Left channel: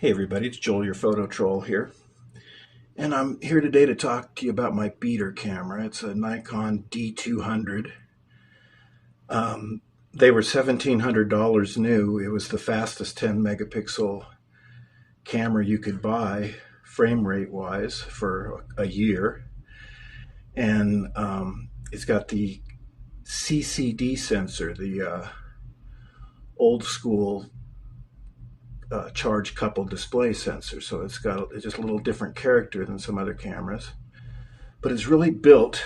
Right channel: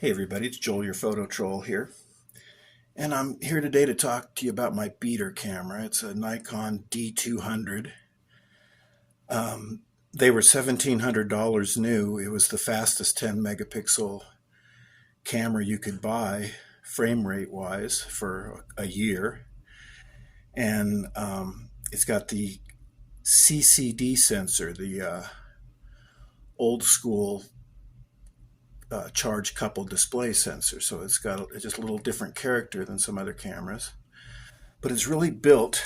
Hey everybody, it's Joel, your photo troll here. And I'm here today to talk to you about my beater camera. It's a Nikon D200. They were $1,700 new. It was the fastest 10 megapixel camera you could buy, frame rate wise, for a year. And it's got the CCD sensor, the old school charge coupled display sensor, so it's got just a little different character than some other cameras, but it's really built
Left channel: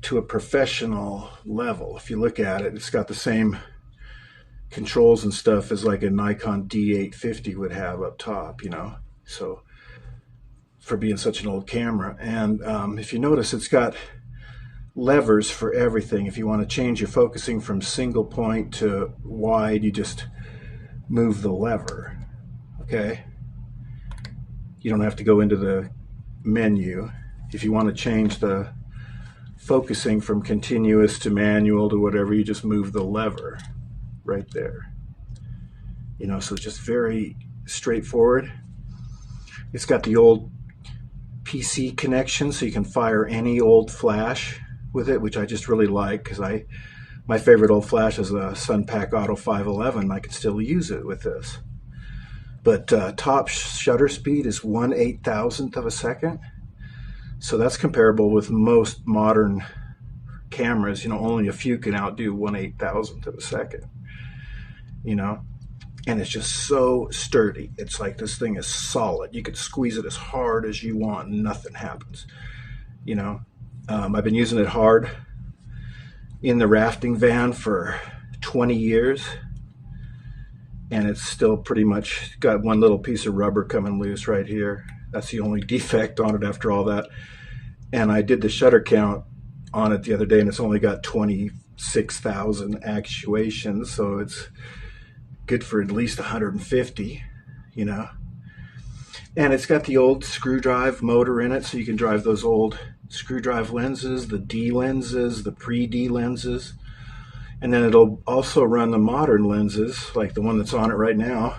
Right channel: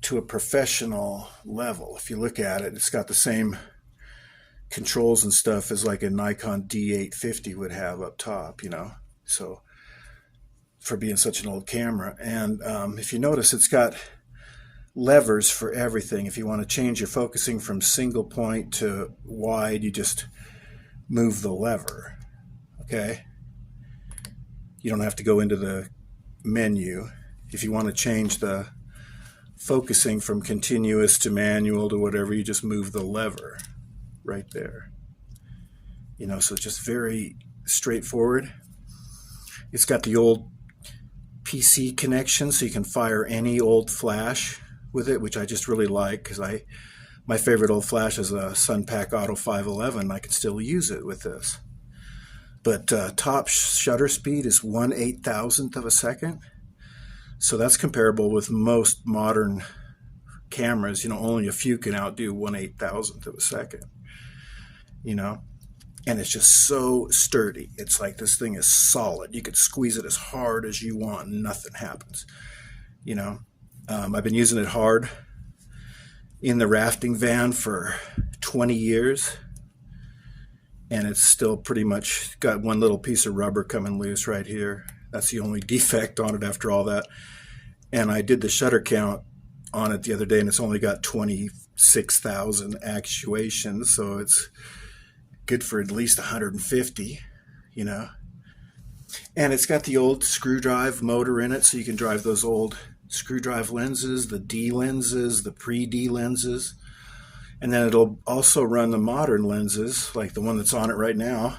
to a professional level. If you look at it, it's got the same controls and stuff as like a Nikon D850 would have up top, so for being such an old camera. And if you notice, it's got levers for everything. If you want to change your focusing from single point to wide, you just move the lever. Okay, you don't have to go into the menu. If you want to change the focusing from continuous to manual to whatever, you just move the lever right there. So it's just very straightforward. It's got the old PC connection, so you can fire any old flash with it, which I just really like, because my favorite old flash is a Sunpack Auto 511. I can still use it with this. But top shutter speed is 1/8,000th of a second. So that's comparable with most modern cameras. Only a few can outdo 1/8,000th of a second. And it's just so sturdy. It's like this thing is solid. You could squeeze it as hard as you want and nothing happens. I've been using it hard in the rafting van for 20 years, and it's still pretty much got one little piece of rubber coming loose right here. That's the only defect on it after all that. And I did the shutter count on it the other day, and it's only got 26,000 actuations, so it's good for at least 150, And it's got the old screw drive motor in it, so you can drive those old screw drive lenses, the D lenses, the pre-D lenses, and then it'll also run the modern lenses, like the one that's on it right now,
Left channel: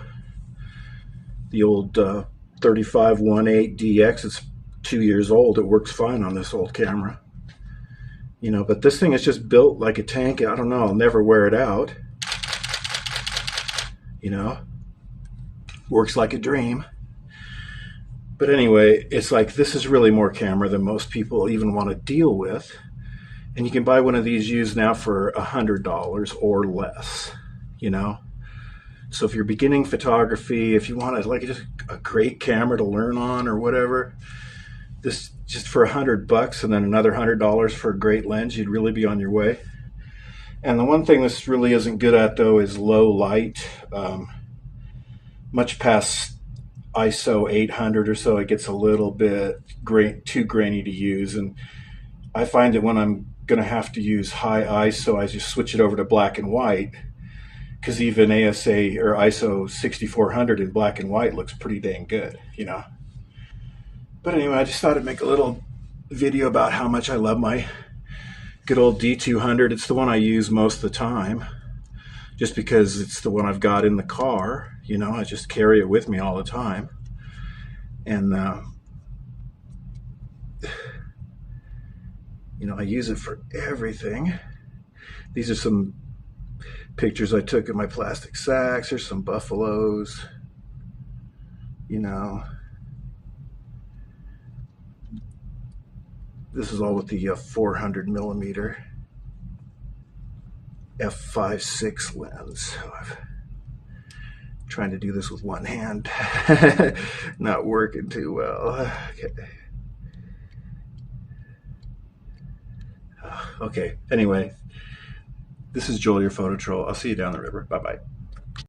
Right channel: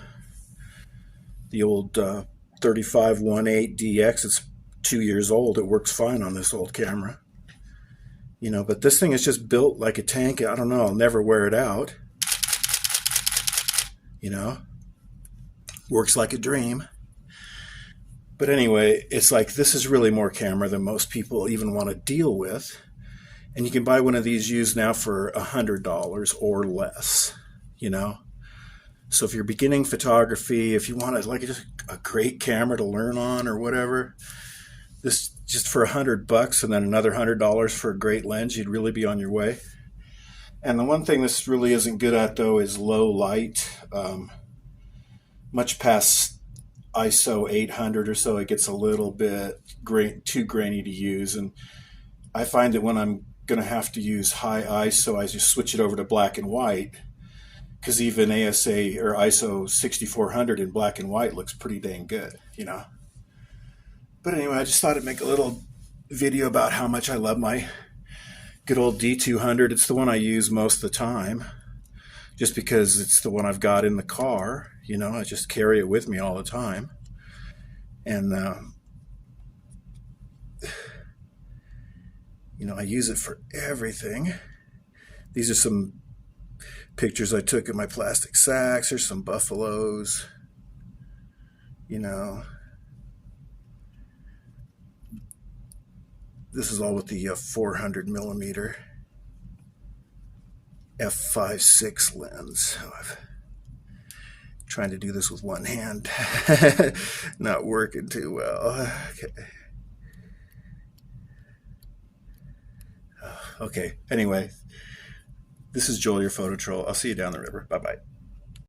the old 35-1.8 DX. It's 2 years old. It works fine on this old camera, but this thing is just built like a tank. I don't know, I'll never wear it out, works like a dream. But anyway, it's like this is really more camera than most people even want to deal with. And you can buy one of these used now for $100 or less, So if you're beginning photography, if you want like just a great camera to learn on or whatever, this just for $100 and then another $100 for a great lens, you'd really be on your way. And the one thing this really isn't good at, though, is low light. Much past ISO 800 or so, it gets a little bit too grainy to use. And I find that when I'm going to have to use high ISO, I just switch it over to black and white, because even ASA or ISO 6400 in black and white looks pretty dang good, But anyway, I just thought I'd make a little video about how much I love my good old D200. It's the one I use most of the time, just because it's the one I've got in the car. I just carry it with me all the time. And, I use it for everything. These are some pictures I took of my plastic sacks. There's some buffaloes, This is all with the 400 millimeter f/5.6 lens. I'm trying to do this with one hand. Not working too well. Okay. Anyway, this is Joel, your photo troll. I'll see you down the river. Bye-bye.